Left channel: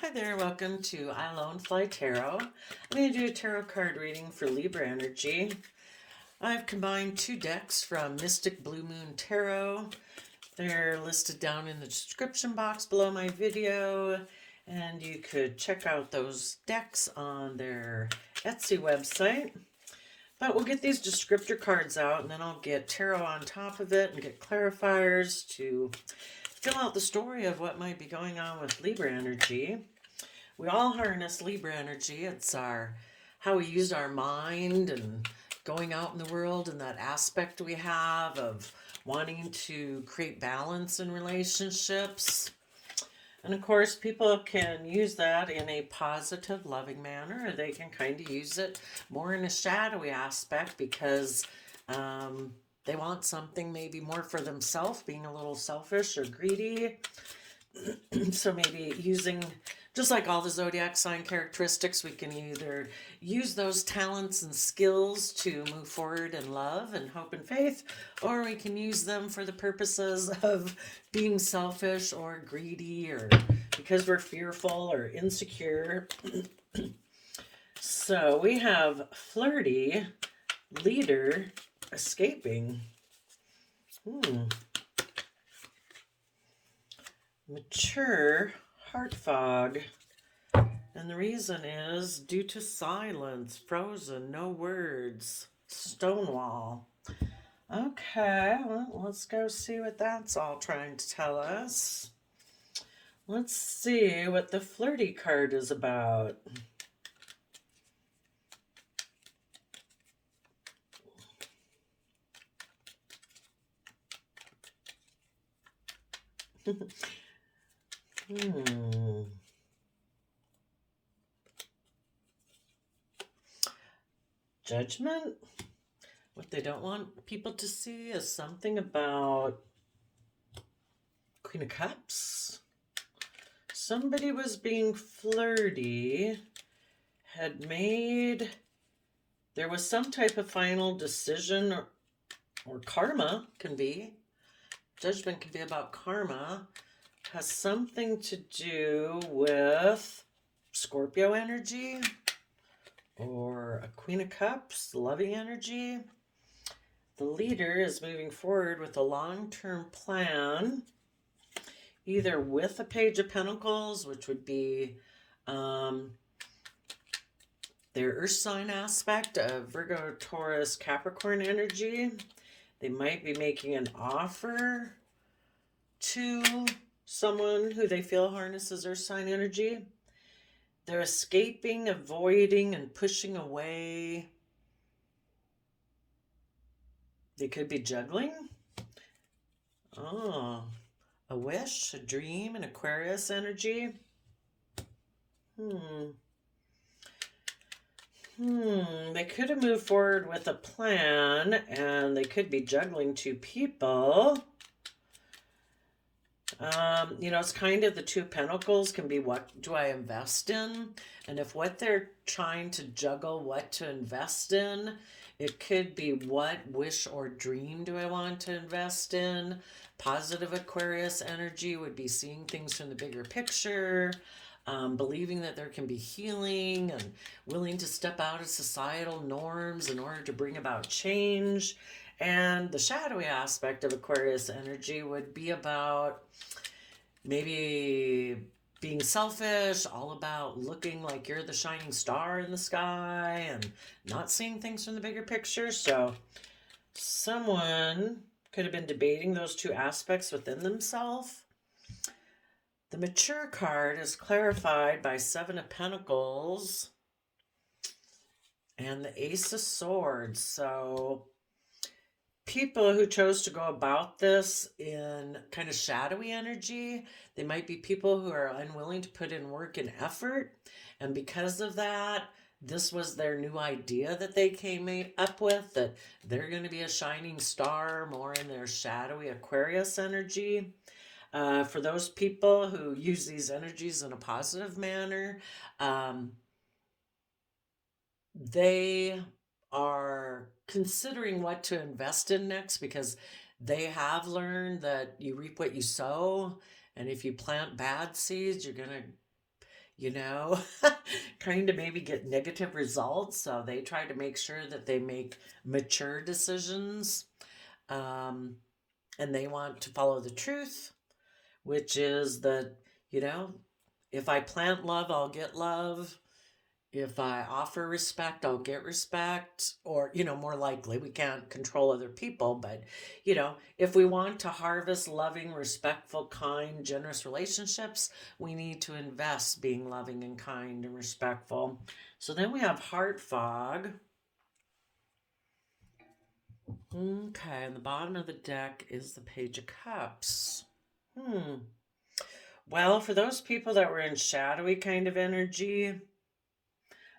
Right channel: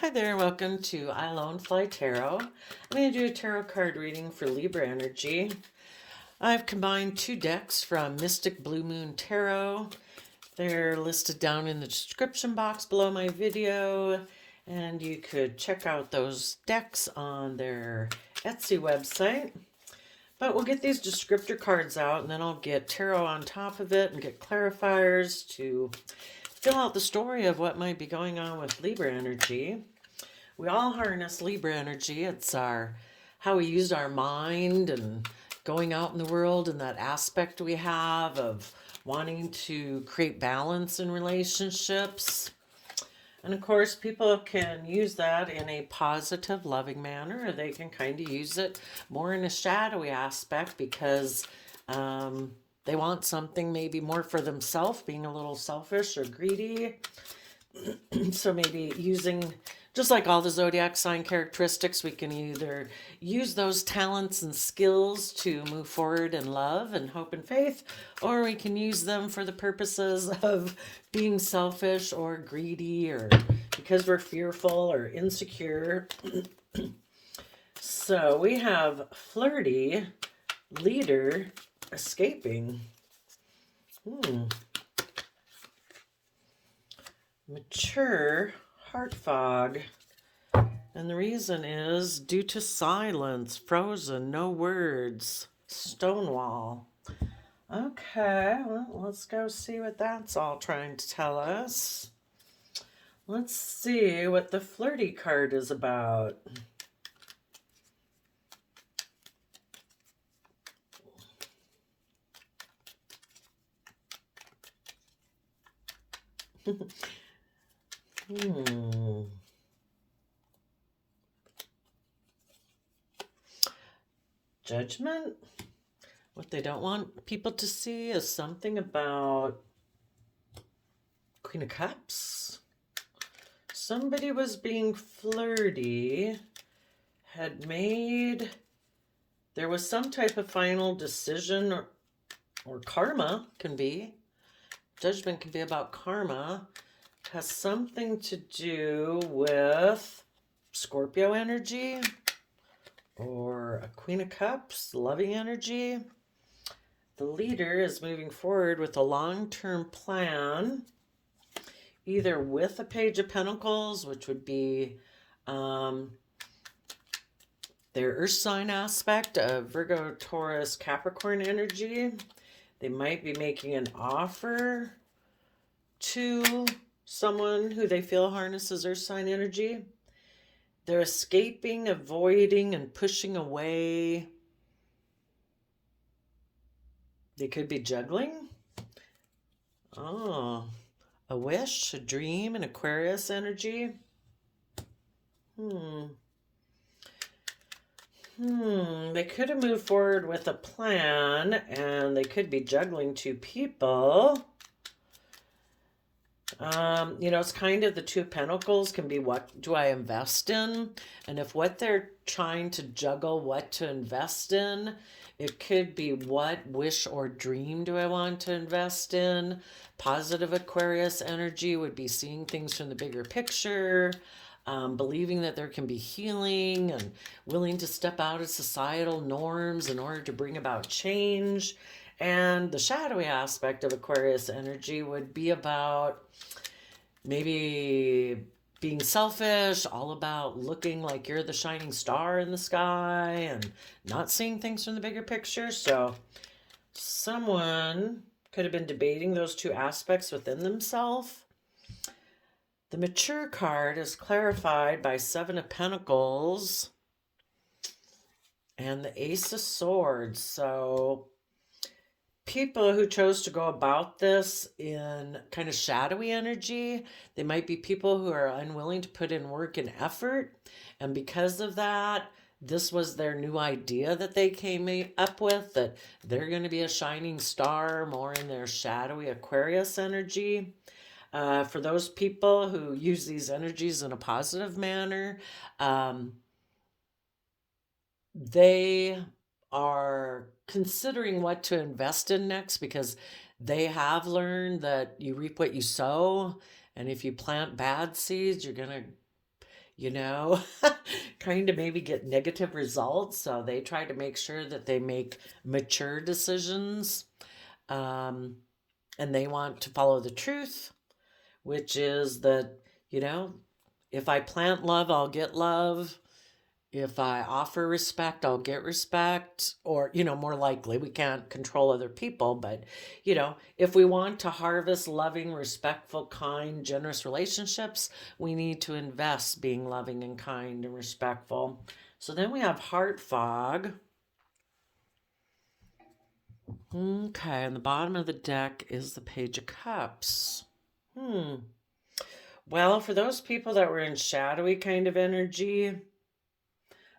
Hi there, welcome to I Lone Fly Tarot. I'm going to do a tarot card reading for Libra energy. I've combined two decks from Mystic Blue Moon Tarot. They're listed down in the description box below my video, and you could check out those decks on their Etsy website. But we'll get these descriptor cards out, and then I'll get tarot on top of it and get clarifiers to fill out the story of what might be going on with Libra energy. We all harness Libra energy. It's how we use our mind and going out in the world, and that aspect we have of wanting to create balance in relationships. And of course, people can use that in a positive, loving manner, or they can kind of use it more in a shadowy aspect because they want something maybe more for themselves, being a little selfish or greedy. So maybe using, just like all the zodiac sign characteristics, we can either use those talents and skills to move forward in love and hope and faith, or we can use them for the purposes of being selfish or greedy, or because we're fearful or insecure. So we have flirty, leader, escaping. Mature, heart fog. And the reason is due to silence, frozen, no words, stonewall. Okay, well, let's go see what that's all trying to tell us. Let's see what the flirty card is about. Judgment. What they don't want people to see is something about Queen of Cups. Somebody was being flirty, there was some type of final decision, or karma can be. Judgment can be about karma. It has something to do with Scorpio energy or a Queen of Cups, loving energy. The leader is moving forward with a long-term plan, either with a Page of Pentacles, which would be their Earth sign aspect of Virgo, Taurus, Capricorn energy. They might be making an offer to someone who they feel harnesses Earth sign energy. They're escaping, avoiding, and pushing away. They could be juggling. Oh, a wish, a dream, and Aquarius energy. They could have moved forward with a plan, and they could be juggling two people. It's kind of the Two of Pentacles can be, what do I invest in? And if what they're trying to juggle, what to invest in, it could be what wish or dream do I want to invest in? Positive Aquarius energy would be seeing things from the bigger picture, believing that there can be healing and willing to step out of societal norms in order to bring about change. And the shadowy aspect of Aquarius energy would be about maybe being selfish, all about looking like you're the shining star in the sky and not seeing things from the bigger picture. So someone could have been debating those two aspects within themselves. The mature card is clarified by Seven of Pentacles and the Ace of Swords. So people who chose to go about this in kind of shadowy energy, they might be people who are unwilling to put in work and effort. And because of that, this was their new idea that they came up with, that they're going to be a shining star more in their shadowy Aquarius energy. For those people who use these energies in a positive manner, they are considering what to invest in next, because they have learned that you reap what you sow. And if you plant bad seeds, you know, kind of maybe get negative results. So they try to make sure that they make mature decisions. Um, and they want to follow the truth, which is that, you know, if I plant love, I'll get love. If I offer respect, I'll get respect. Or, more likely, we can't control other people, but, if we want to harvest loving, respectful, kind, generous relationships, we need to invest being loving and kind and respectful. So then we have heart fog. Okay, and the bottom of the deck is the Page of Cups. Well, for those people that were in shadowy kind of energy,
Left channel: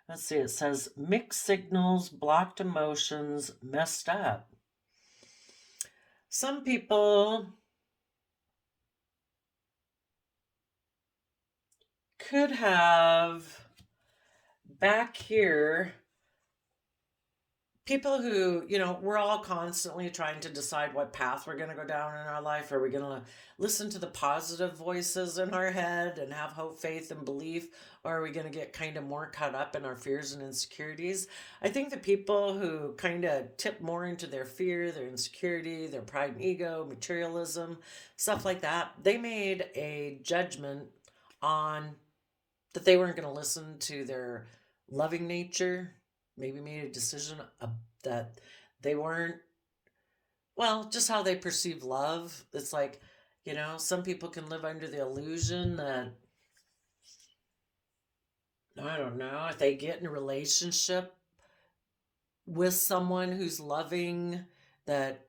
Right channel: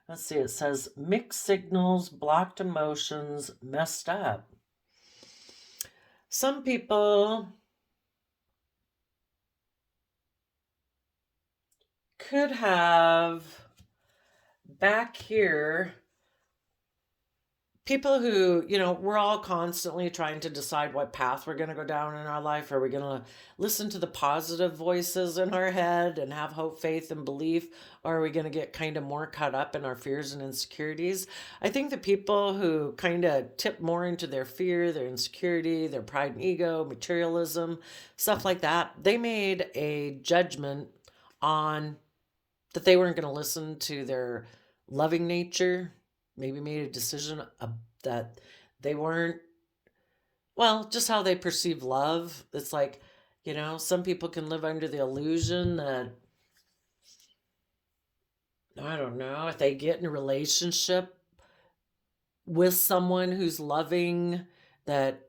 let's see, it says mixed signals, blocked emotions, messed up. Some people could have back here people who, we're all constantly trying to decide what path we're going to go down in our life. Are we going to listen to the positive voices in our head and have hope, faith, and belief? Or are we going to get kind of more caught up in our fears and insecurities? I think the people who kind of tip more into their fear, their insecurity, their pride and ego, materialism, stuff like that, they made a judgment on that they weren't going to listen to their loving nature, maybe made a decision that they weren't, well, just how they perceive love. It's like, some people can live under the illusion that, I don't know, if they get in a relationship with someone who's loving, that,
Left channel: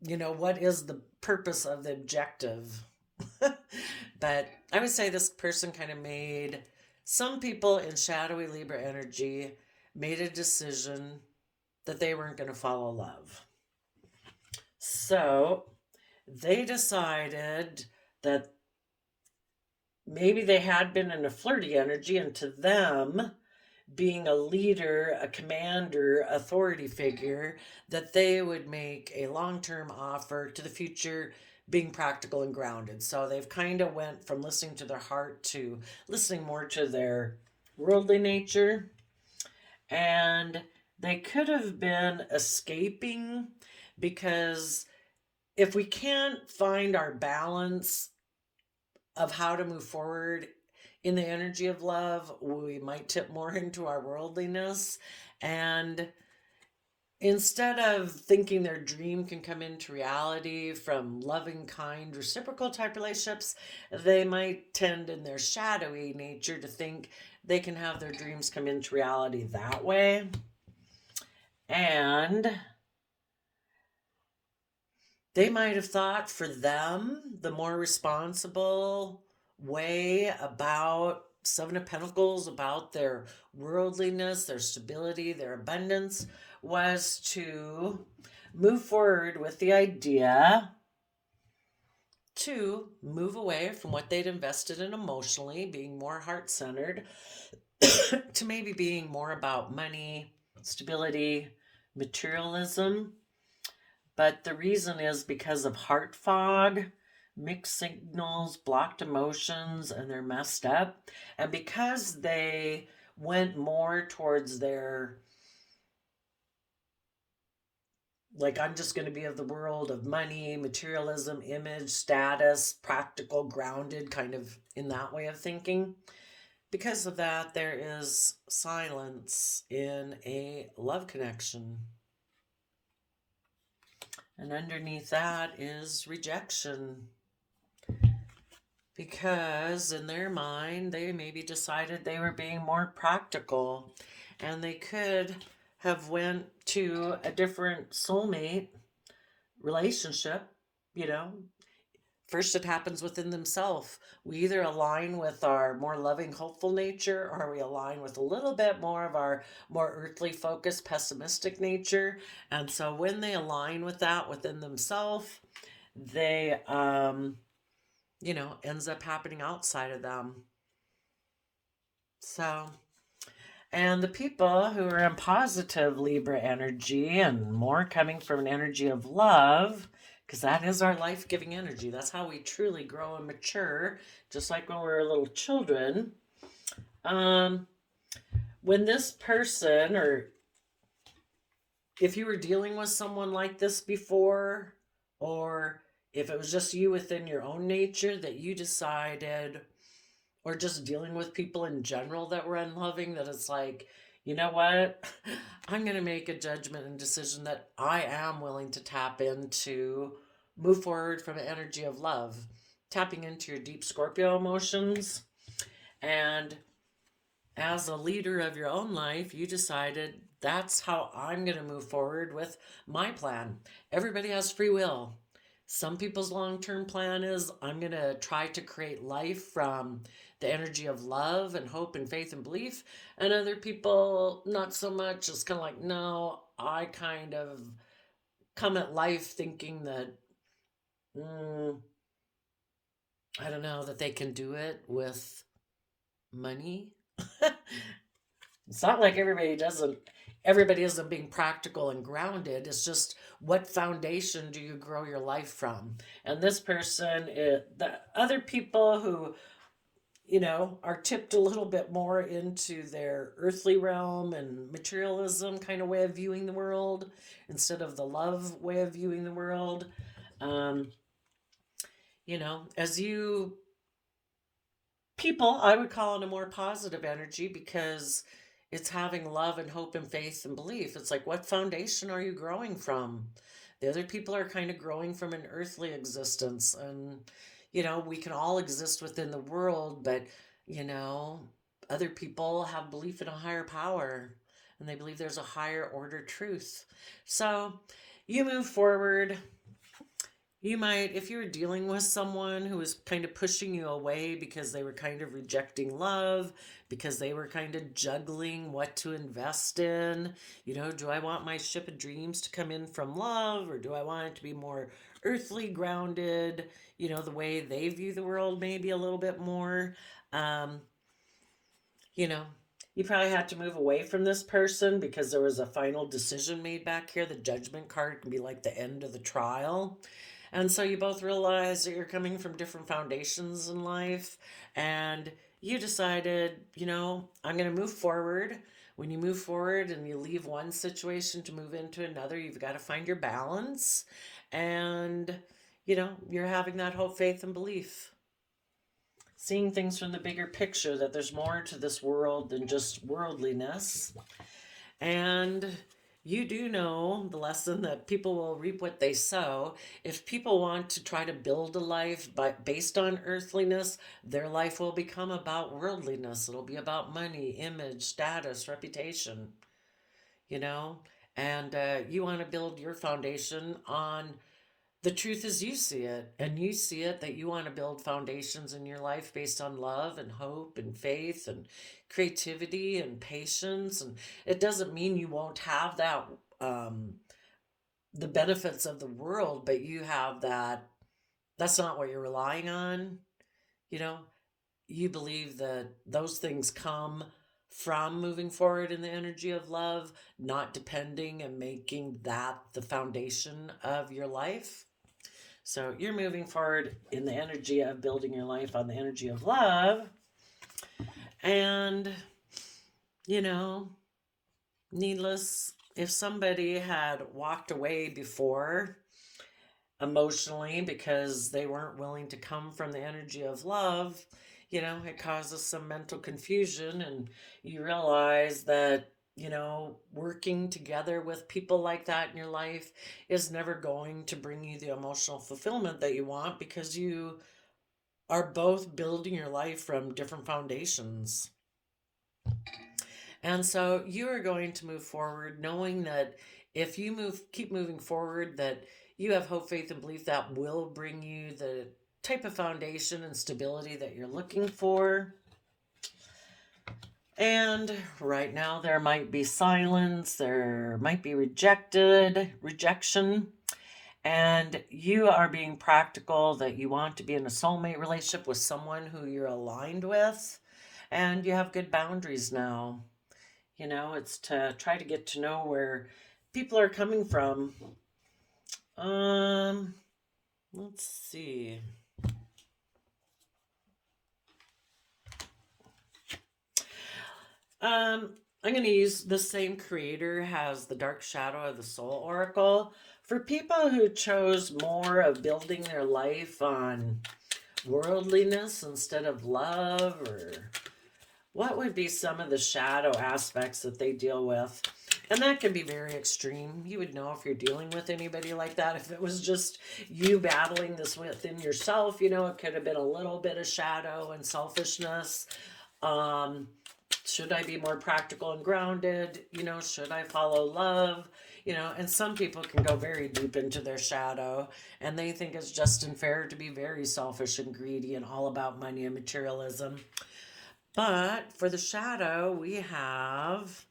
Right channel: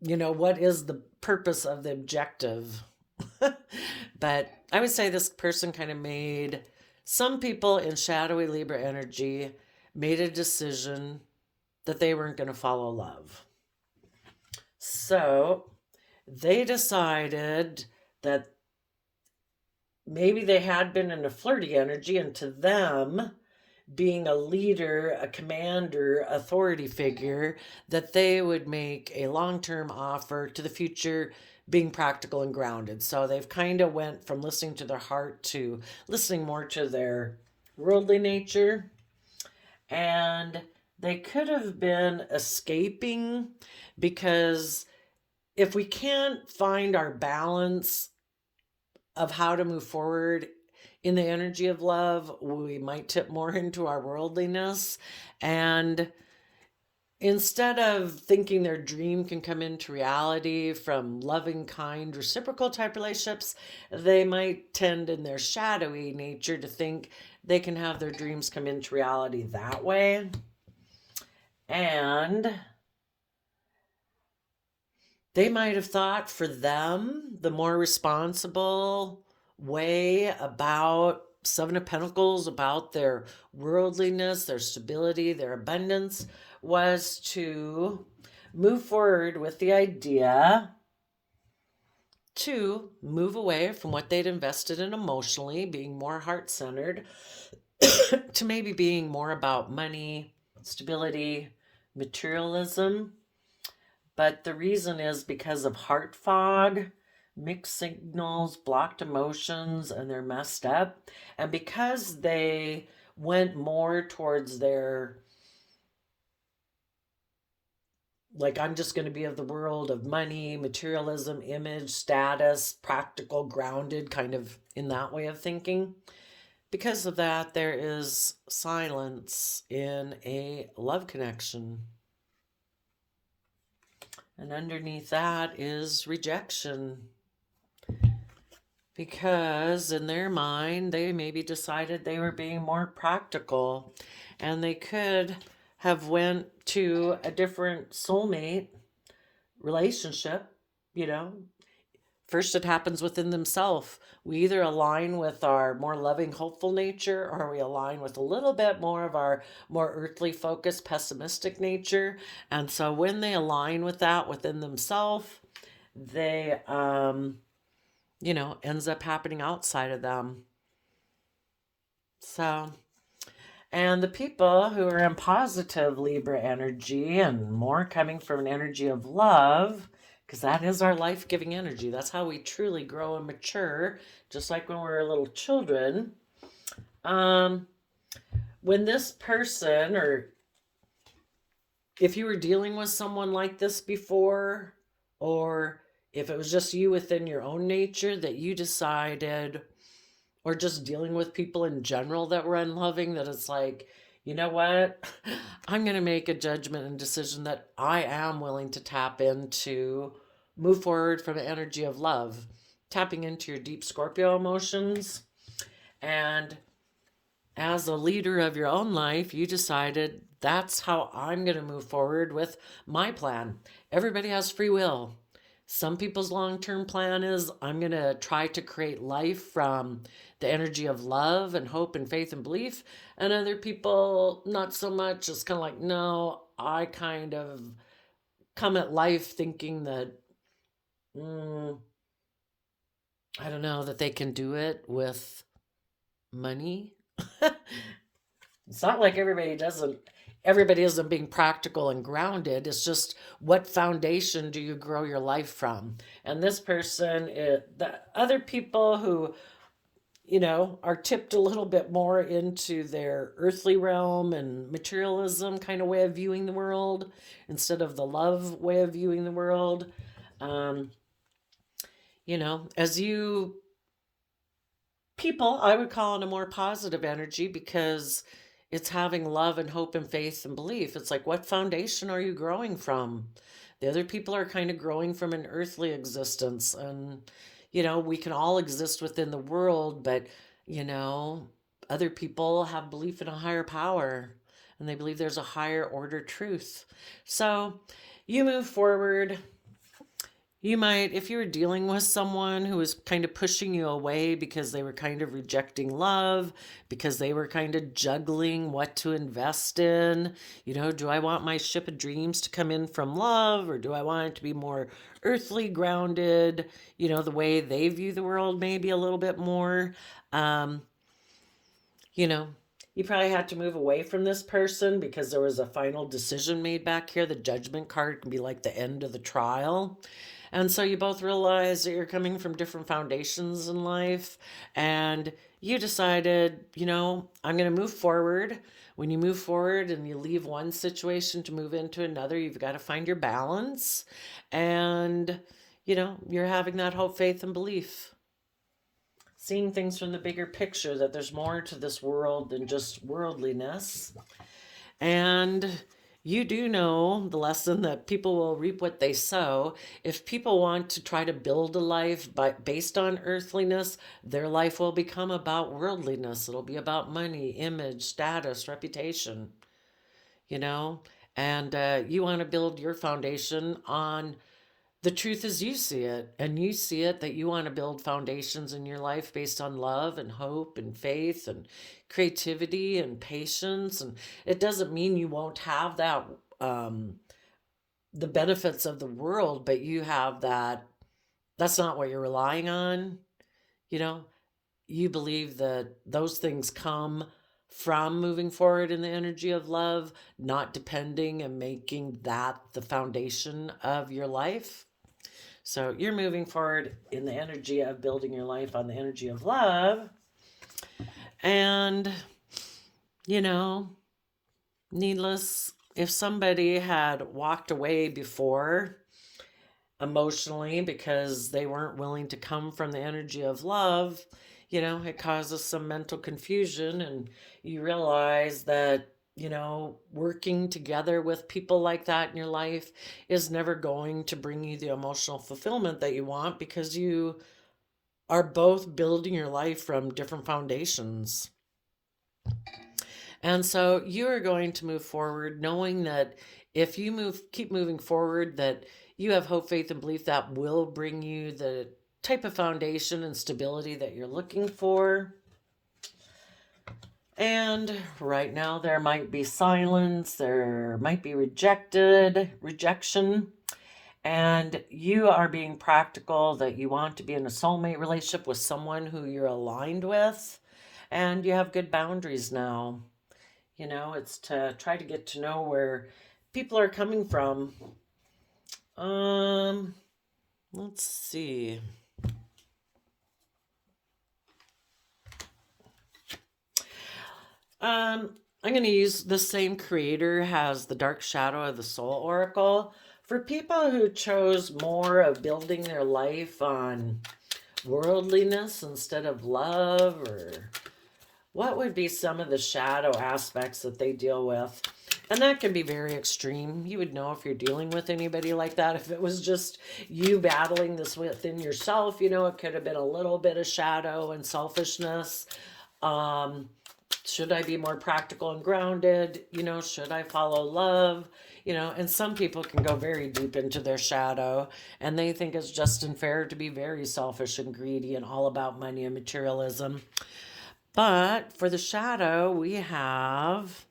what is the purpose of the objective? But I would say this person kind of made, some people in shadowy Libra energy made a decision that they weren't going to follow love. So they decided that maybe they had been in a flirty energy, and to them, being a leader, a commander, authority figure, that they would make a long-term offer to the future, being practical and grounded. So they've kind of went from listening to their heart to listening more to their worldly nature. And they could have been escaping, because if we can't find our balance of how to move forward in the energy of love, we might tip more into our worldliness. And instead of thinking their dream can come into reality from loving, kind, reciprocal type relationships, they might tend in their shadowy nature to think they can have their dreams come into reality that way. And they might have thought for them the more responsible way about Seven of Pentacles, about their worldliness, their stability, their abundance, was to move forward with the idea to move away from what they'd invested in emotionally, being more heart-centered, to maybe being more about money, stability, materialism. But the reason is because of heart fog, mixed signals, blocked emotions, and they're messed up. And because they went more towards their, like, I'm just going to be of the world of money, materialism, image, status, practical, grounded, kind of in that way of thinking. Because of that, there is silence in a love connection. And underneath that is rejection. Because in their mind, they maybe decided they were being more practical, and they could have went to a different soulmate relationship. First it happens within themselves. We either align with our more loving, hopeful nature, or we align with a little bit more of our more earthly focused, pessimistic nature. And so when they align with that within themselves, they ends up happening outside of them. So, and the people who are in positive Libra energy and more coming from an energy of love because that is our life-giving energy. That's how we truly grow and mature, just like when we're little children. Um, when this person, or if you were dealing with someone like this before, or if it was just you within your own nature that you decided, or just dealing with people in general that were unloving, that it's like, you know what? I'm going to make a judgment and decision that I am willing to tap into, move forward from an energy of love, tapping into your deep Scorpio emotions. And as a leader of your own life, you decided that's how I'm going to move forward with my plan. Everybody has free will. Some people's long term plan is I'm going to try to create life from the energy of love and hope and faith and belief. And other people, not so much. It's kind of like, no, I kind of come at life thinking that, mm, I don't know, that they can do it with money. It's not like everybody isn't being practical and grounded. It's just what foundation do you grow your life from? And this person, the other people who, are tipped a little bit more into their earthly realm and materialism kind of way of viewing the world instead of the love way of viewing the world. Um, as you people, I would call it a more positive energy because it's having love and hope and faith and belief. It's like, what foundation are you growing from? The other people are kind of growing from an earthly existence. And, we can all exist within the world, but, you know, other people have belief in a higher power and they believe there's a higher order truth. So you move forward. You might, if you were dealing with someone who was kind of pushing you away because they were kind of rejecting love, because they were kind of juggling what to invest in. Do I want my ship of dreams to come in from love, or do I want it to be more earthly grounded, the way they view the world, maybe a little bit more? Um, you know, you probably had to move away from this person because there was a final decision made back here. The judgment card can be like the end of the trial. And so you both realize that you're coming from different foundations in life, and you decided, I'm going to move forward. When you move forward and you leave one situation to move into another, you've got to find your balance. And, you're having that hope, faith, and belief. Seeing things from the bigger picture, that there's more to this world than just worldliness. And you do know the lesson that people will reap what they sow. If people want to try to build a life based on earthliness, their life will become about worldliness. It'll be about money, image, status, reputation, you know? And you want to build your foundation on the truth as you see it. And you see it that you want to build foundations in your life based on love and hope and faith and creativity and patience. And it doesn't mean you won't have that, um, the benefits of the world, but you have that. That's not what you're relying on. You know, you believe that those things come from moving forward in the energy of love, not depending and making that the foundation of your life. So you're moving forward in the energy of building your life on the energy of love. And, you know, needless, if somebody had walked away before emotionally because they weren't willing to come from the energy of love, it causes some mental confusion. And you realize that, working together with people like that in your life is never going to bring you the emotional fulfillment that you want, because you are both building your life from different foundations. And so you are going to move forward knowing that if you keep moving forward, that you have hope, faith, and belief that will bring you the type of foundation and stability that you're looking for. And right now there might be silence, there might be rejection, and you are being practical that you want to be in a soulmate relationship with someone who you're aligned with, and you have good boundaries now. It's to try to get to know where people are coming from. Um, Let's see. I'm going to use the same creator has the Dark Shadow of the Soul Oracle. For people who chose more of building their life on worldliness instead of love, or what would be some of the shadow aspects that they deal with? And that can be very extreme. You would know if you're dealing with anybody like that. If it was just you battling this within yourself, it could have been a little bit of shadow and selfishness. Um, should I be more practical and grounded? Should I follow love? And some people can go very deep into their shadow and they think it's just and fair to be very selfish and greedy and all about money and materialism. But for the shadow, we have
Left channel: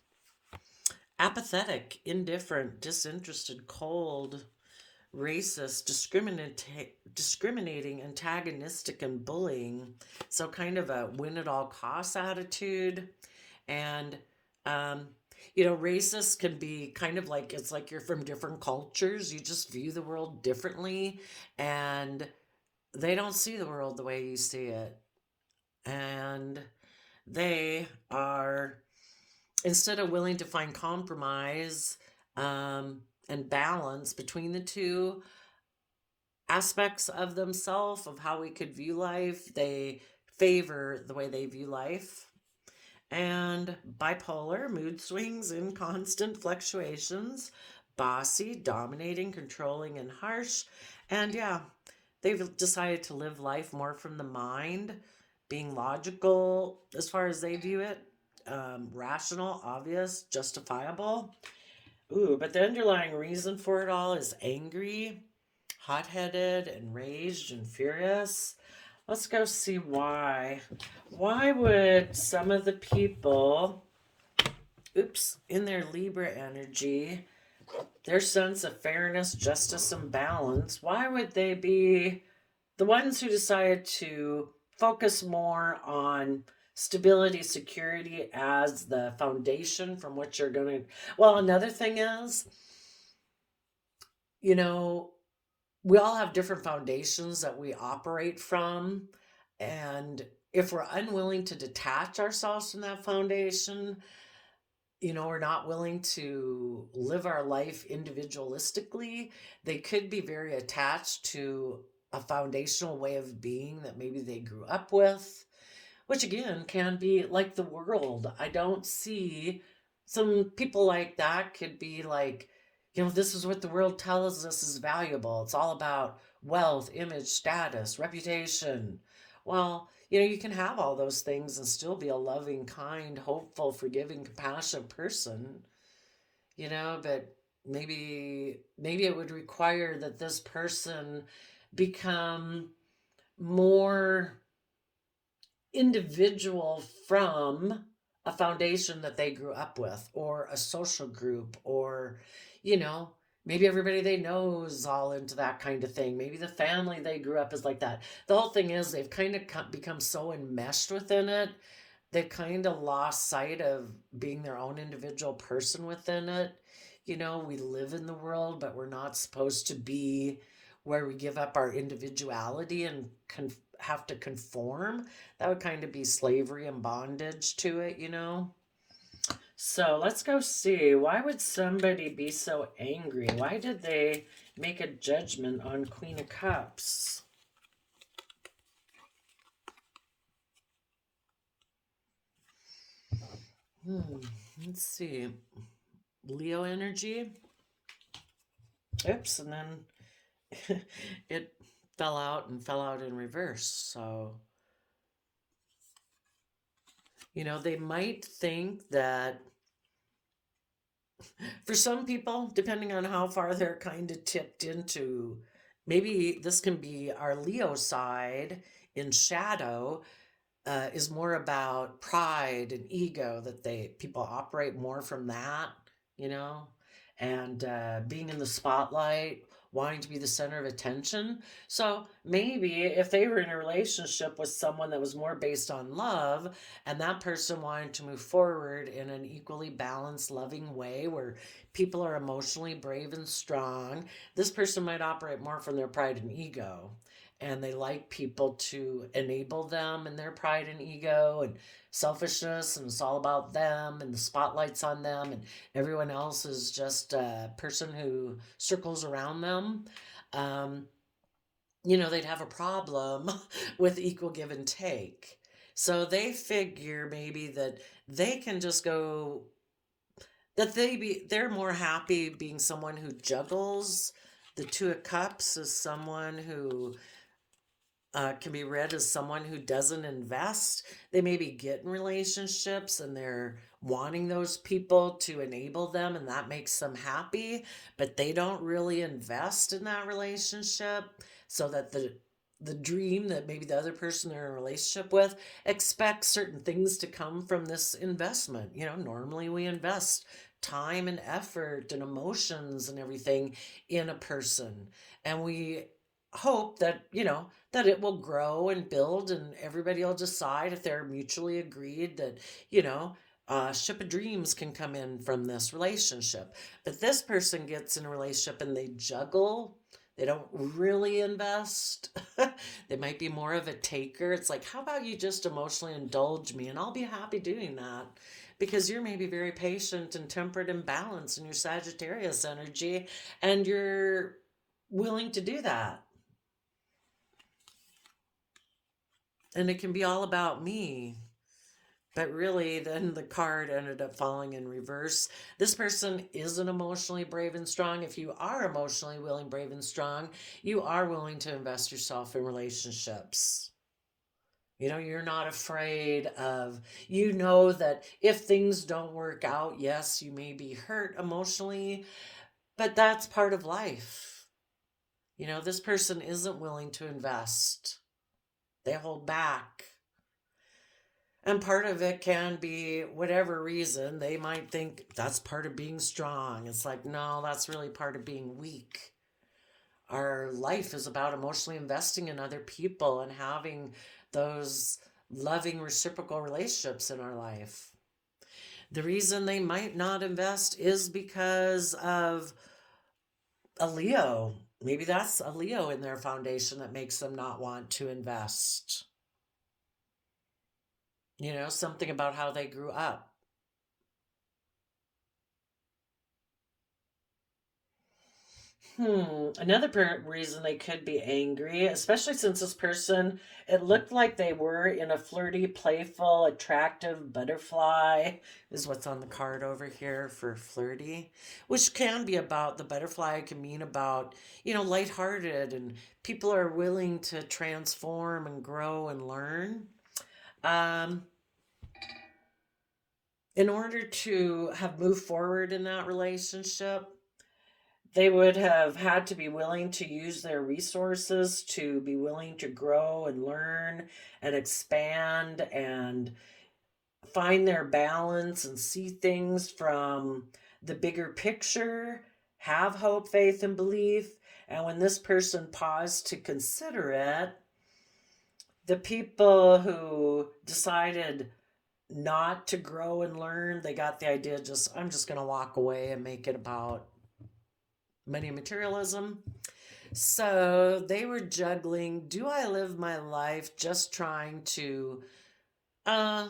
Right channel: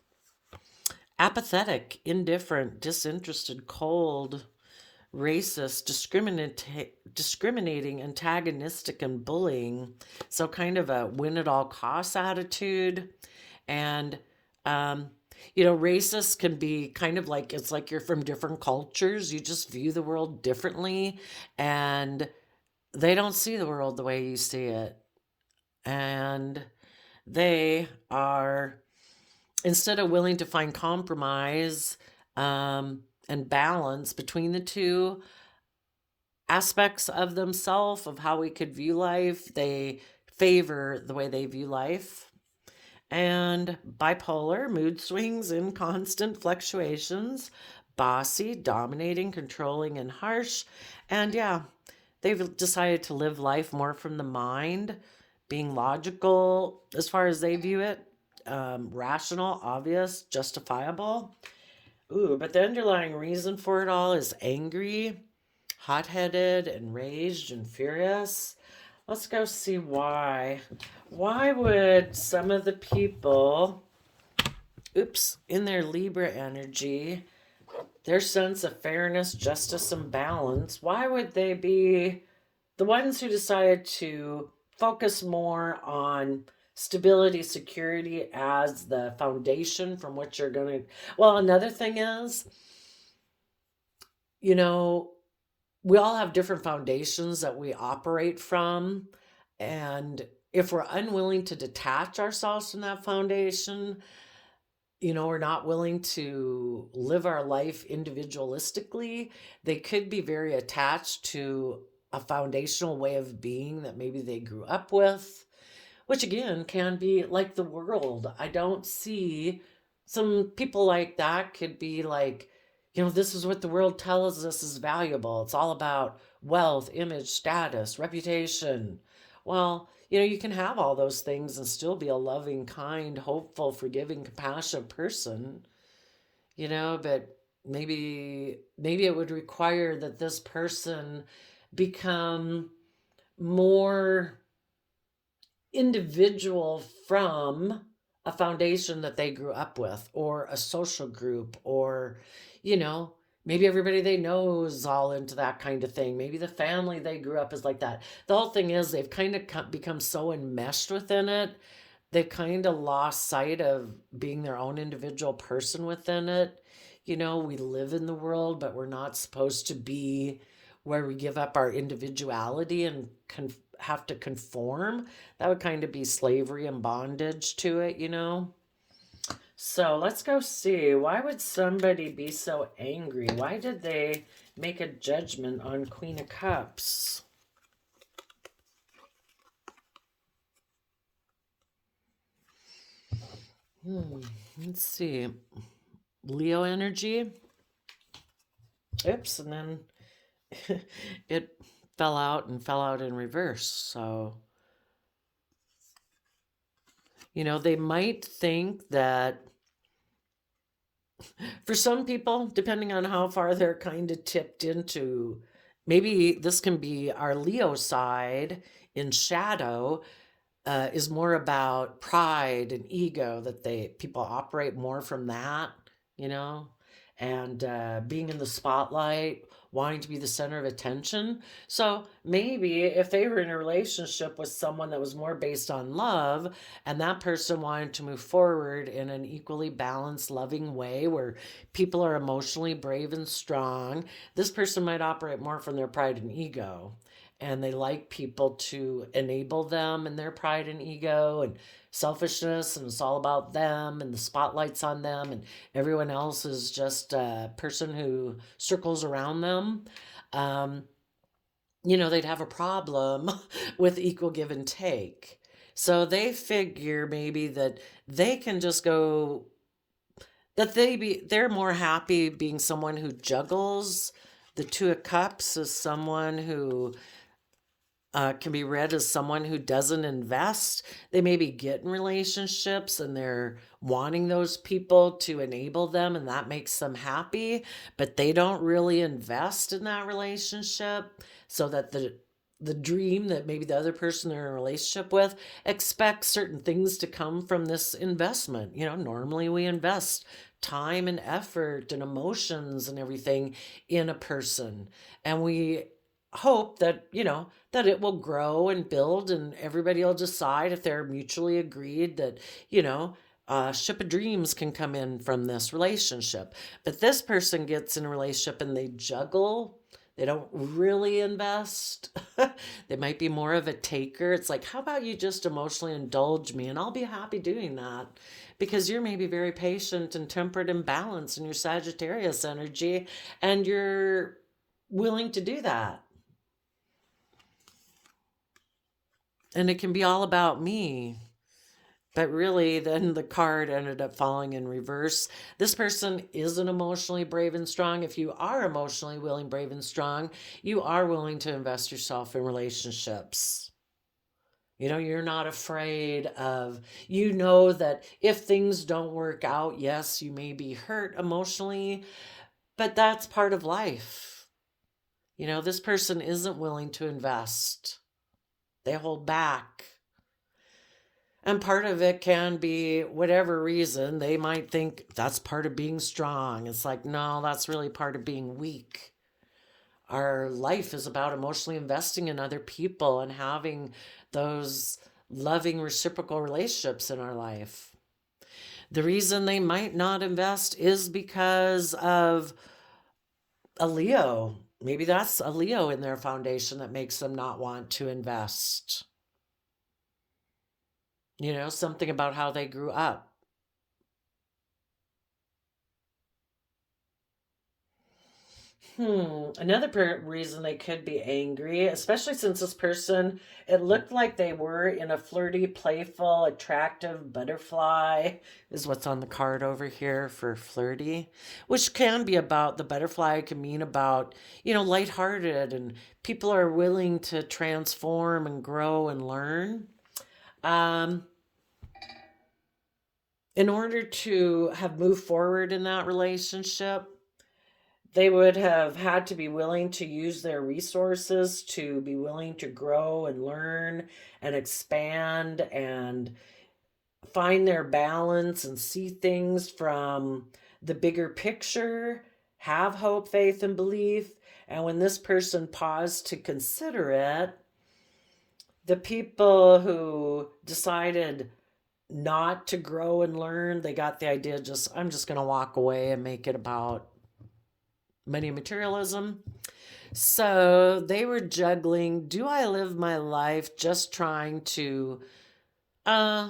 apathetic, indifferent, disinterested, cold, racist, discriminating, antagonistic, and bullying. So kind of a win at all costs attitude. And racist can be kind of like, it's like you're from different cultures. You just view the world differently, and they don't see the world the way you see it. And they are, instead of willing to find compromise and balance between the two aspects of themselves, of how we could view life, they favor the way they view life. And bipolar, mood swings and constant fluctuations, bossy, dominating, controlling, and harsh. And yeah, they've decided to live life more from the mind, being logical as far as they view it, rational, obvious, justifiable. Ooh, but the underlying reason for it all is angry, hot-headed, enraged, and furious. Let's go see why. Why would some of the people, in their Libra energy, their sense of fairness, justice, and balance, why would they be the ones who decided to focus more on stability, security as the foundation from which you're going to? Well, another thing is, we all have different foundations that we operate from. And if we're unwilling to detach ourselves from that foundation, we're not willing to live our life individualistically, they could be very attached to a foundational way of being that maybe they grew up with, which again can be like the world. I don't see some people like that could be like, this is what the world tells us is valuable. It's all about wealth, image, status, reputation. Well, you can have all those things and still be a loving, kind, hopeful, forgiving, compassionate person, but maybe it would require that this person become more individual from a foundation that they grew up with, or a social group, or maybe everybody they know is all into that kind of thing. Maybe the family they grew up is like that. The whole thing is they've kind of become so enmeshed within it, they've kind of lost sight of being their own individual person within it. We live in the world, but we're not supposed to be where we give up our individuality and have to conform. That would kind of be slavery and bondage to it. So let's go see. Why would somebody be so angry? Why did they make a judgment on Queen of Cups? Let's see. Leo energy. Oops, and then it fell out in reverse. So, they might think that for some people, depending on how far they're kind of tipped into, maybe this can be our Leo side in shadow, is more about pride and ego, that people operate more from that, you know, and being in the spotlight, wanting to be the center of attention. So maybe if they were in a relationship with someone that was more based on love, and that person wanted to move forward in an equally balanced, loving way where people are emotionally brave and strong, this person might operate more from their pride and ego. And they like people to enable them in their pride and ego and selfishness, and it's all about them and the spotlight's on them, and everyone else is just a person who circles around them. um, they'd have a problem with equal give and take. So they figure maybe that they can just go, they're more happy being someone who juggles the Two of Cups as someone who can be read as someone who doesn't invest. They maybe get in relationships and they're wanting those people to enable them, and that makes them happy, but they don't really invest in that relationship, so that the dream that maybe the other person they're in a relationship with expects certain things to come from this investment. Normally we invest time and effort and emotions and everything in a person, and we hope that that it will grow and build, and everybody will decide, if they're mutually agreed, that ship of dreams can come in from this relationship. But this person gets in a relationship and they juggle. They don't really invest. They might be more of a taker. It's like, how about you just emotionally indulge me and I'll be happy doing that, because you're maybe very patient and tempered and balanced in your Sagittarius energy, and you're willing to do that. And it can be all about me. But really, then the card ended up falling in reverse. This person isn't emotionally brave and strong. If you are emotionally willing, brave, and strong, you are willing to invest yourself in relationships. You're not afraid of, that if things don't work out, yes, you may be hurt emotionally, but that's part of life. This person isn't willing to invest, they hold back. And part of it can be whatever reason. They might think that's part of being strong. It's like, no, that's really part of being weak. Our life is about emotionally investing in other people and having those loving reciprocal relationships in our life. The reason they might not invest is because of a Leo. Maybe that's a Leo in their foundation that makes them not want to invest. Something about how they grew up. Another reason they could be angry, especially since this person, it looked like they were in a flirty, playful, attractive butterfly, is what's on the card over here for flirty, which can be about the butterfly, can mean about, lighthearted, and people are willing to transform and grow and learn. Um, in order to have moved forward in that relationship, they would have had to be willing to use their resources, to be willing to grow and learn and expand and find their balance and see things from the bigger picture, have hope, faith, and belief. And when this person paused to consider it, the people who decided not to grow and learn, they got the idea, I'm just going to walk away and make it about money materialism. So they were juggling, do I live my life just trying to uh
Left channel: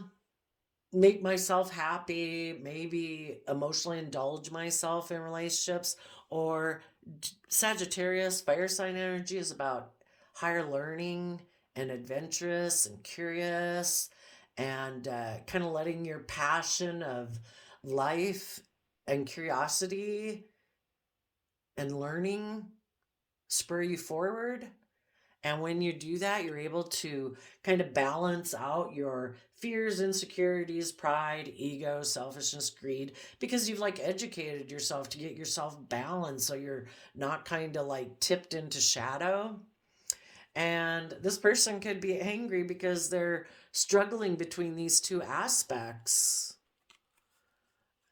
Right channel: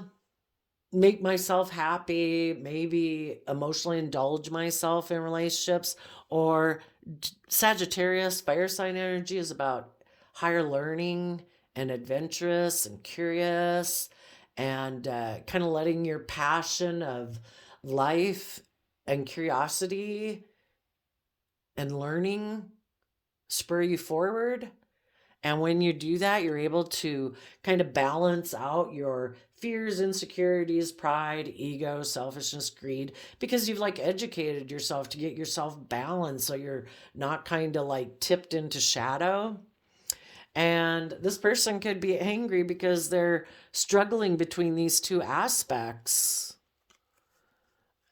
make myself happy, maybe emotionally indulge myself in relationships, or Sagittarius fire sign energy is about higher learning and adventurous and curious, and kind of letting your passion of life and curiosity and learning spur you forward. And when you do that, you're able to kind of balance out your fears, insecurities, pride, ego, selfishness, greed, because you've like educated yourself to get yourself balanced so you're not kind of like tipped into shadow. And this person could be angry because they're struggling between these two aspects.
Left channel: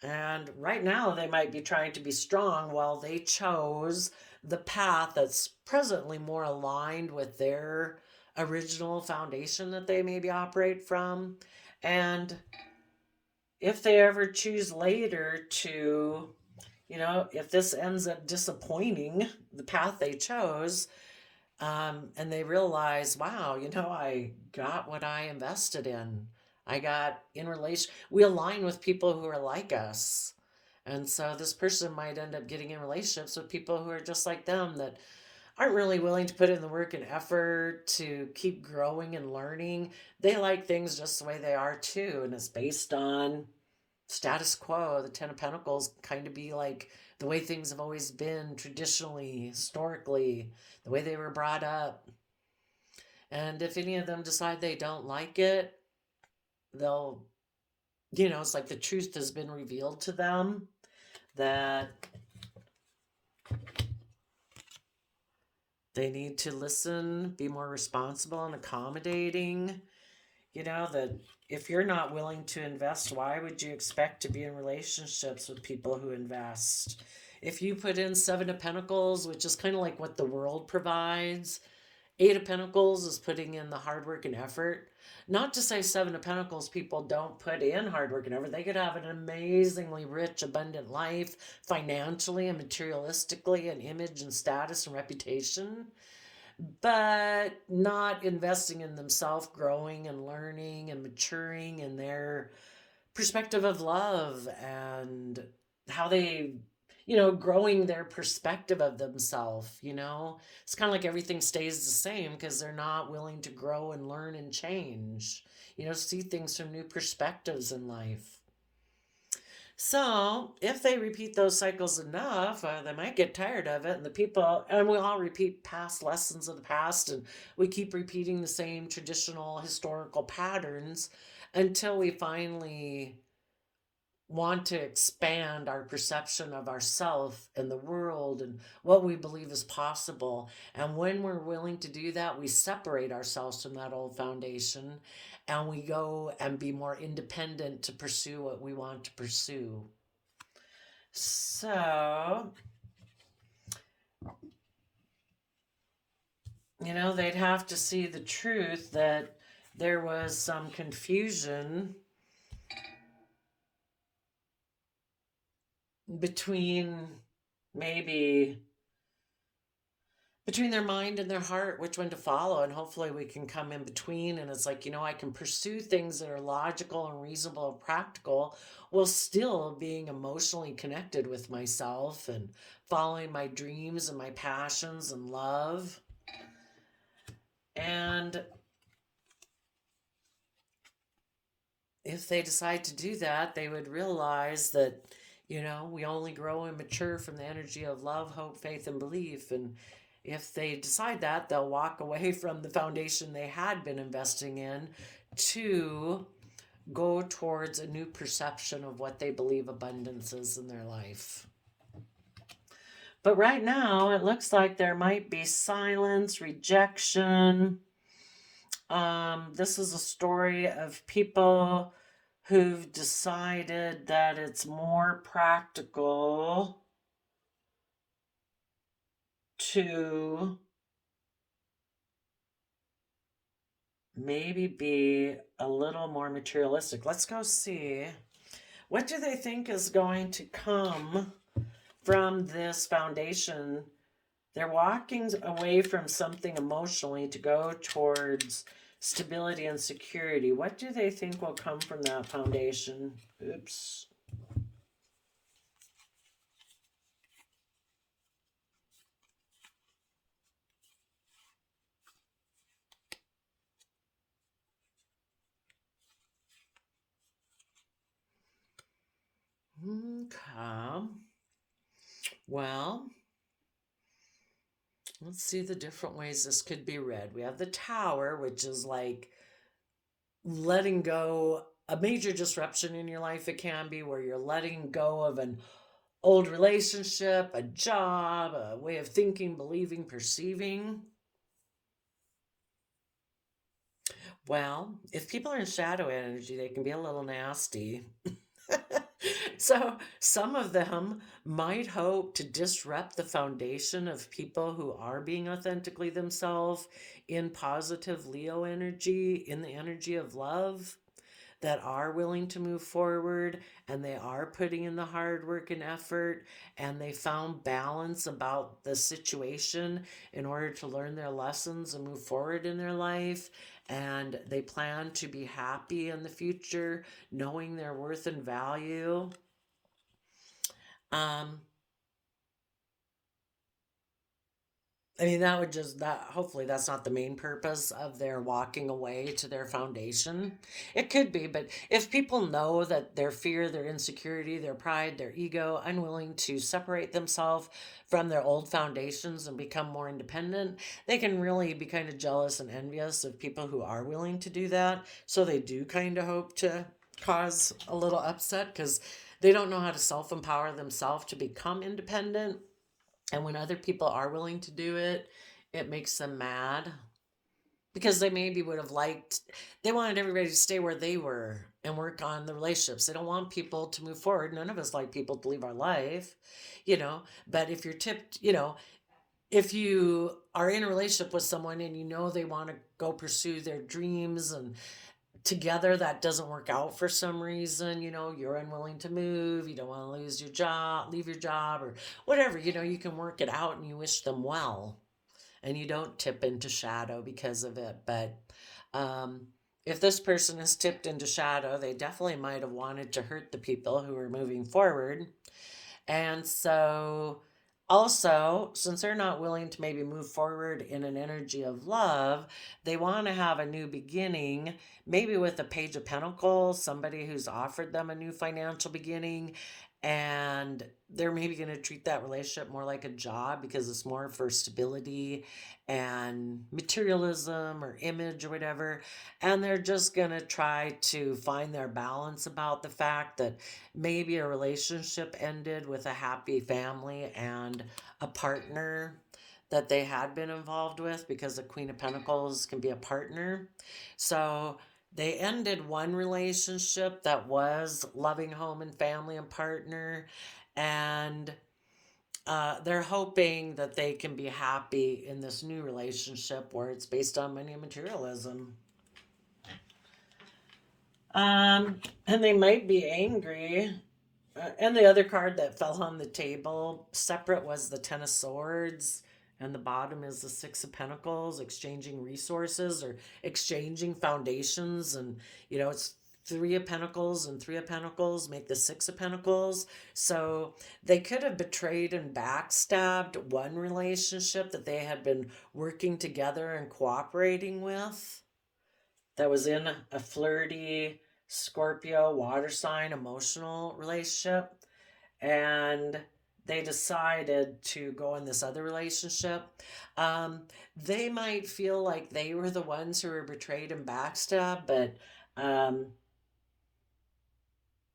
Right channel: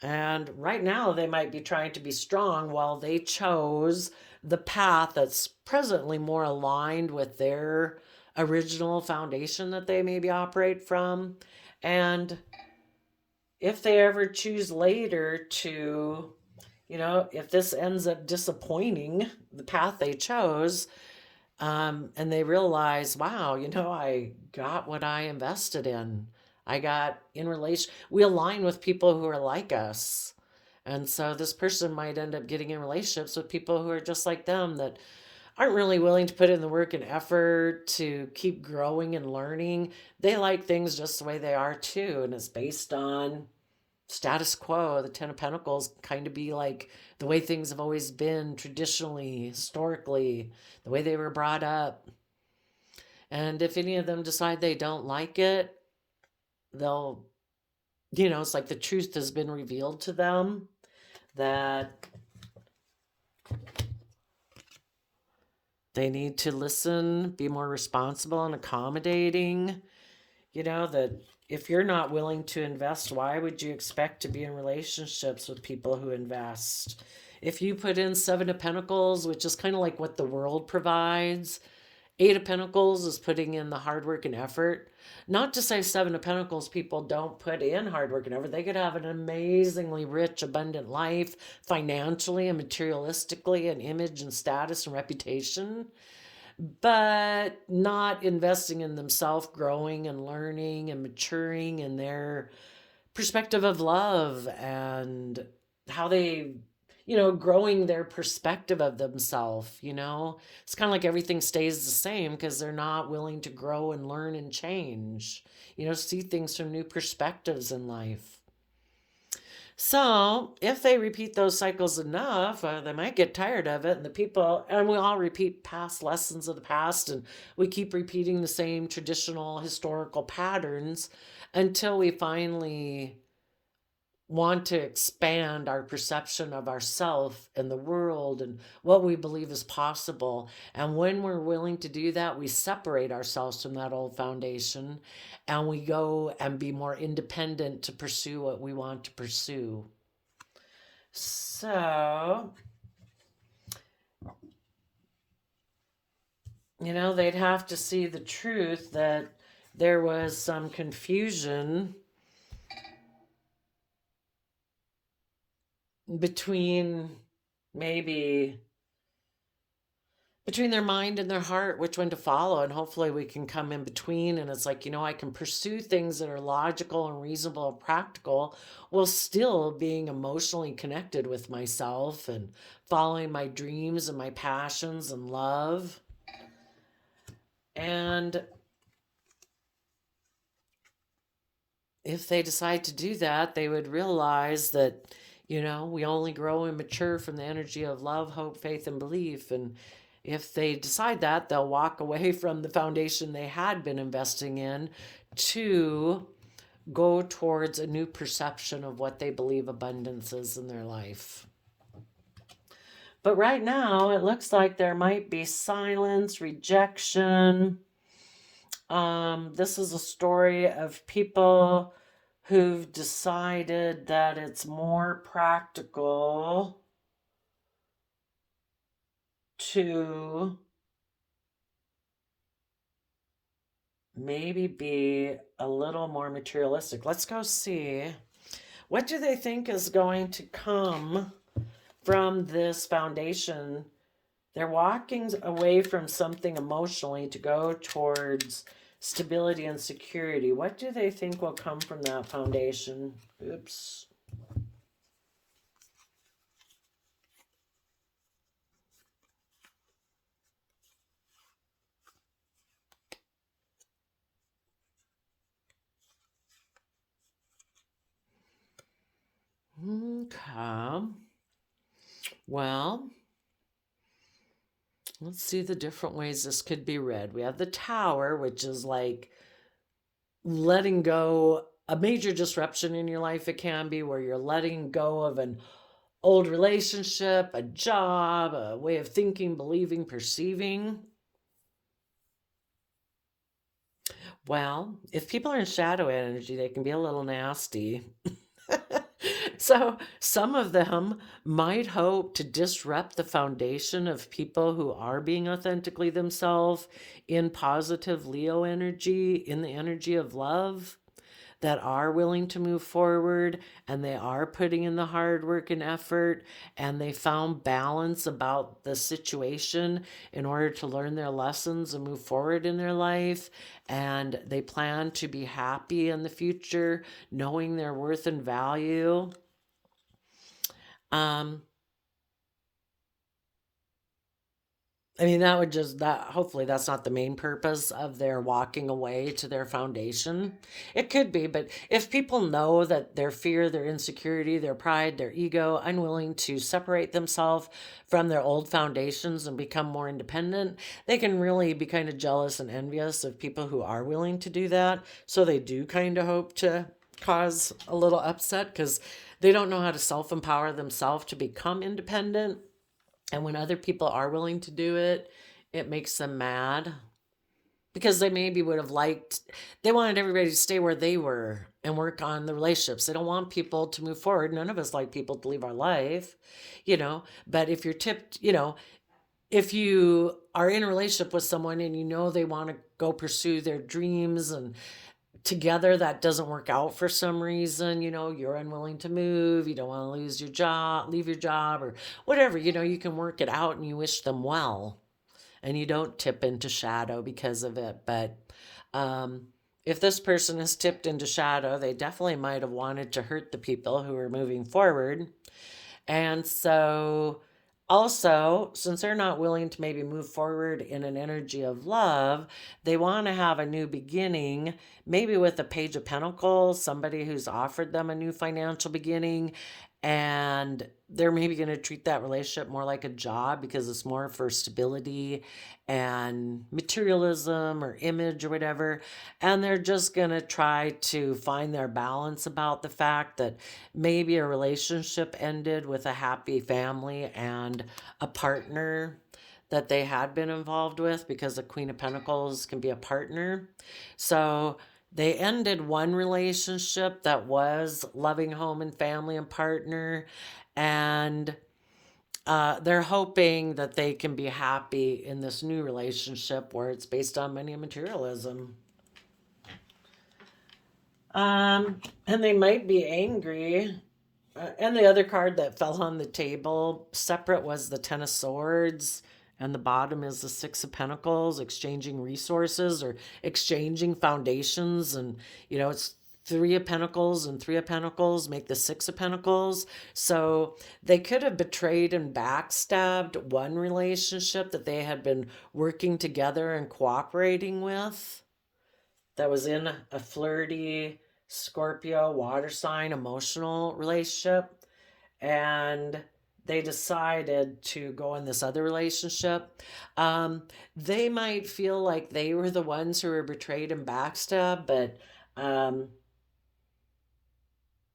And right now, they might be trying to be strong while they chose the path that's presently more aligned with their original foundation that they maybe operate from. And if they ever choose later to, if this ends up disappointing the path they chose, and they realize, wow, I got what I invested in. I got in relation, we align with people who are like us. And so this person might end up getting in relationships with people who are just like them, that aren't really willing to put in the work and effort to keep growing and learning. They like things just the way they are too. And it's based on status quo. The Ten of Pentacles kind of be like the way things have always been traditionally, historically, the way they were brought up. And if any of them decide they don't like it, they'll, it's like the truth has been revealed to them that they need to listen, be more responsible and accommodating. That if you're not willing to invest, why would you expect to be in relationships with people who invest? If you put in Seven of Pentacles, which is kind of like what the world provides, Eight of Pentacles is putting in the hard work and effort. Not to say Seven of Pentacles people don't put in hard work and effort. They could have an amazingly rich, abundant life financially and materialistically, and image and status and reputation, but not investing in themselves, growing and learning and maturing in their perspective of love, and how they, growing their perspective of themselves. It's kind of like everything stays the same because they're not willing to grow and learn and change, see things from new perspectives in life. So, if they repeat those cycles enough, they might get tired of it. And the people, and we all repeat past lessons of the past, and we keep repeating the same traditional historical patterns until we finally want to expand our perception of ourself and the world and what we believe is possible. And when we're willing to do that, we separate ourselves from that old foundation and we go and be more independent to pursue what we want to pursue. So, they'd have to see the truth that there was some confusion between maybe between their mind and their heart, which one to follow. And hopefully we can come in between. And it's like, I can pursue things that are logical and reasonable and practical while still being emotionally connected with myself and following my dreams and my passions and love. And if they decide to do that, they would realize that, we only grow and mature from the energy of love, hope, faith, and belief. And if they decide that, they'll walk away from the foundation they had been investing in to go towards a new perception of what they believe abundance is in their life. But right now, it looks like there might be silence, rejection. This is a story of people who've decided that it's more practical to maybe be a little more materialistic. Let's go see. What do they think is going to come from this foundation? They're walking away from something emotionally to go towards stability and security. What do they think will come from that foundation? Oops. Okay. Well, let's see the different ways this could be read. We have the Tower, which is like letting go, a major disruption in your life. It can be where you're letting go of an old relationship, a job, a way of thinking, believing, perceiving. Well, if people are in shadow energy, they can be a little nasty. So some of them might hope to disrupt the foundation of people who are being authentically themselves in positive Leo energy, in the energy of love, that are willing to move forward and they are putting in the hard work and effort and they found balance about the situation in order to learn their lessons and move forward in their life, and they plan to be happy in the future knowing their worth and value. um I mean, that would just, that hopefully that's not the main purpose of their walking away to their foundation. It could be, but if people know that their fear, their insecurity, their pride, their ego, unwilling to separate themselves from their old foundations and become more independent, they can really be kind of jealous and envious of people who are willing to do that. So they do kind of hope to cause a little upset because they don't know how to self empower themselves to become independent, and when other people are willing to do it, it makes them mad because they maybe would have liked, they wanted everybody to stay where they were and work on the relationships. They don't want people to move forward. None of us like people to leave our life, but if you're tipped, if you are in a relationship with someone and you know they want to go pursue their dreams and together that doesn't work out for some reason, you're unwilling to move, you don't want to lose your job, leave your job, or whatever, you can work it out and you wish them well and you don't tip into shadow because of it. But um if this person is tipped into shadow, they definitely might have wanted to hurt the people who are moving forward. And so, also, since they're not willing to maybe move forward in an energy of love, they want to have a new beginning, maybe with a Page of Pentacles, somebody who's offered them a new financial beginning. And they're maybe going to treat that relationship more like a job because it's more for stability and materialism or image or whatever. And they're just going to try to find their balance about the fact that maybe a relationship ended with a happy family and a partner that they had been involved with, because the Queen of Pentacles can be a partner. So they ended one relationship that was loving home and family and partner, and they're hoping that they can be happy in this new relationship where it's based on money and materialism. And they might be angry. And the other card that fell on the table separate was the Ten of Swords, and the bottom is the Six of Pentacles, exchanging resources or exchanging foundations. And, it's Three of Pentacles and Three of Pentacles make the Six of Pentacles. So they could have betrayed and backstabbed one relationship that they had been working together and cooperating with, that was in a flirty Scorpio water sign emotional relationship, and they decided to go in this other relationship. They might feel like they were the ones who were betrayed and backstabbed, but um,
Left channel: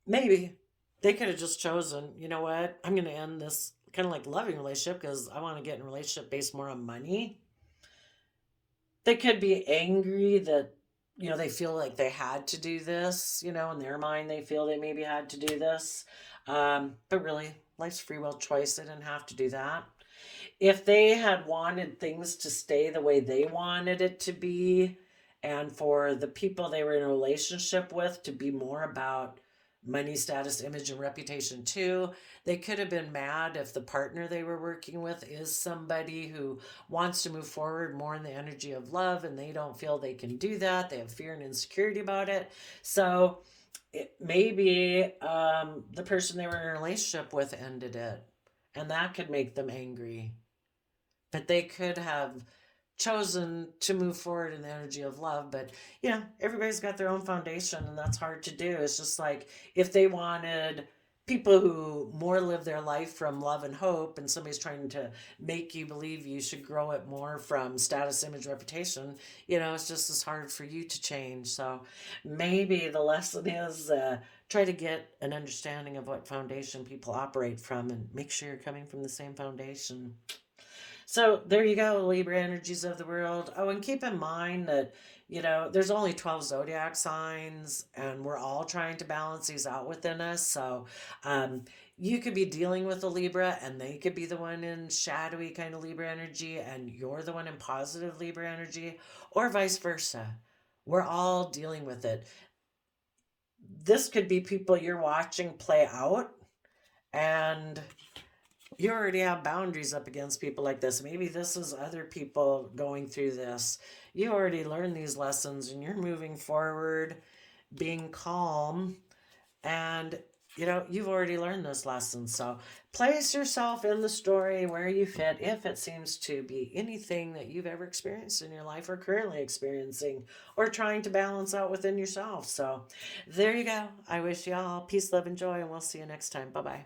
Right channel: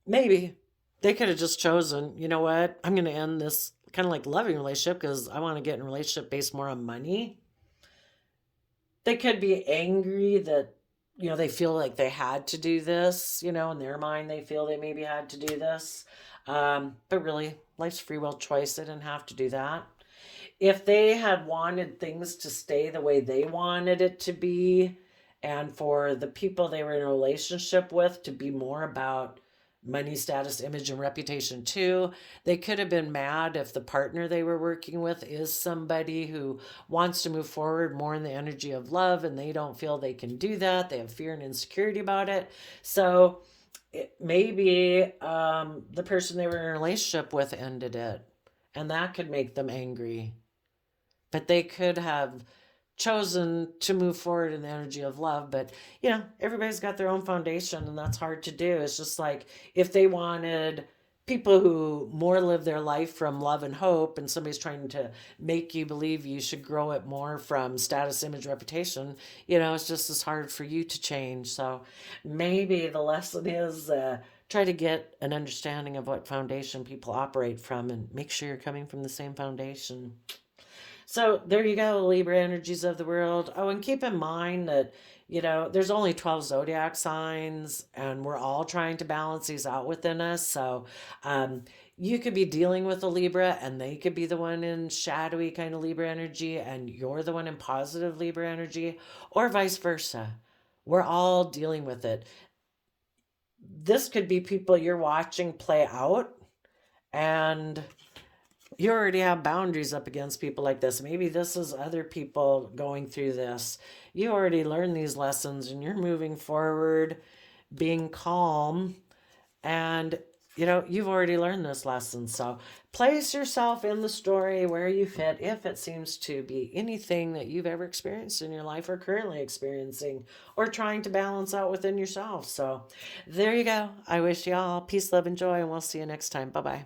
maybe they could have just chosen, you know what, I'm going to end this kind of like loving relationship because I want to get in a relationship based more on money. They could be angry that, they feel like they had to do this, in their mind they feel they maybe had to do this. But really, life's free will choice, they didn't have to do that. If they had wanted things to stay the way they wanted it to be, and for the people they were in a relationship with to be more about money, status, image, and reputation too, they could have been mad if the partner they were working with is somebody who wants to move forward more in the energy of love and they don't feel they can do that. They have fear and insecurity about it. So maybe the person they were in a relationship with ended it, and that could make them angry. But they could have chosen to move forward in the energy of love. But everybody's got their own foundation, and that's hard to do. It's just like if they wanted people who more live their life from love and hope, and somebody's trying to make you believe you should grow it more from status, image, reputation, it's just as hard for you to change. So maybe the lesson is try to get an understanding of what foundation people operate from and make sure you're coming from the same foundation. So there you go, Libra energies of the world. Oh, and keep in mind that, there's only 12 zodiac signs, and we're all trying to balance these out within us. So, um, you could be dealing with a Libra, and they could be the one in shadowy kind of Libra energy, and you're the one in positive Libra energy, or vice versa. We're all dealing with it. This could be people you're watching play out, and you already have boundaries up against people like this. Maybe this is other people going through this. You already learned these lessons and you're moving forward, being calm, and you've already learned this lesson. So place yourself in the story where you fit if it seems to be anything that you've ever experienced in your life or currently experiencing or trying to balance out within yourself. So there you go. I wish you all peace, love, and joy, and we'll see you next time. Bye bye.